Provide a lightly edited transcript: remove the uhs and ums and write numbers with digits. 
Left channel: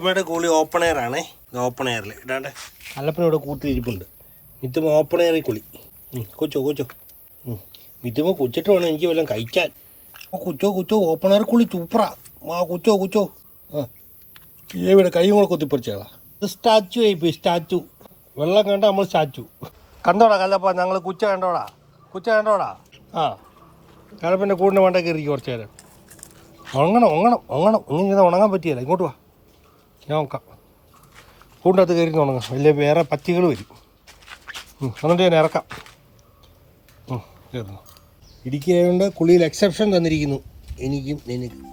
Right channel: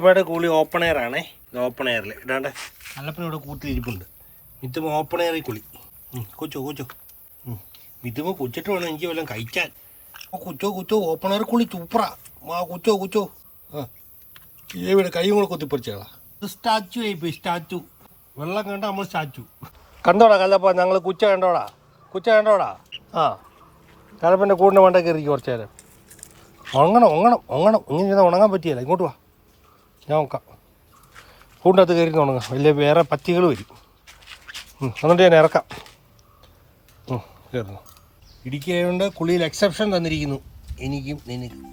ഒരുപാട് കൂളി open air ആണേ. Open എയറിൽ ഇടാണ്ട് അല്ലപ്പനും ഇവിടെ കൂട്ടിലിരിപ്പുണ്ട്. മിത്തുമ്പോ ഓപ്പൺ എയറിൽ കുളി. കൊച്ചോ മിത്തുമ്പോ കുച്ചിട്ട് വേണം എനിക്ക് വല്ലതും കഴിക്കാൻ. കൊച്ചോ ഓപ്പൺ എയർ കുളി സൂപ്പറാ. കൊച്ചോ ഇവിടെ കൈ കൂടെ കൊത്തിപ്പറിച്ചാളാ. സ്റ്റാച്ചു ആയിപ്പോയി. സ്റ്റാച്ചു വെള്ളം കണ്ട നമ്മൾ സ്റ്റാച്ചു. കണ്ടോടാ കല്ലപ്പ ഞങ്ങൾ കുച്ച കണ്ടോടാ. കലപ്പൻ്റെ കൂടിൻ്റെ വേണ്ട കയറി കുറച്ച് നേരം. ഉണങ്ങണം ഇങ്ങനെ ഉണങ്ങാൻ പറ്റിയല്ല. ഇങ്ങോട്ട് വാ, ഞാൻ നോക്കാം. കൂടിൻ്റെ അകത്ത് കയറി ഉണങ്ങാം. വലിയ വേറെ പറ്റികൾ വരും. എന്നിട്ട് ഞാൻ ഇറക്കാം. കയറുന്നു. ഇടുക്കി ആയതുകൊണ്ട് കുളിയിൽ എക്സെപ്ഷൻ തന്നിരിക്കുന്നു എനിക്കും നിനക്കും.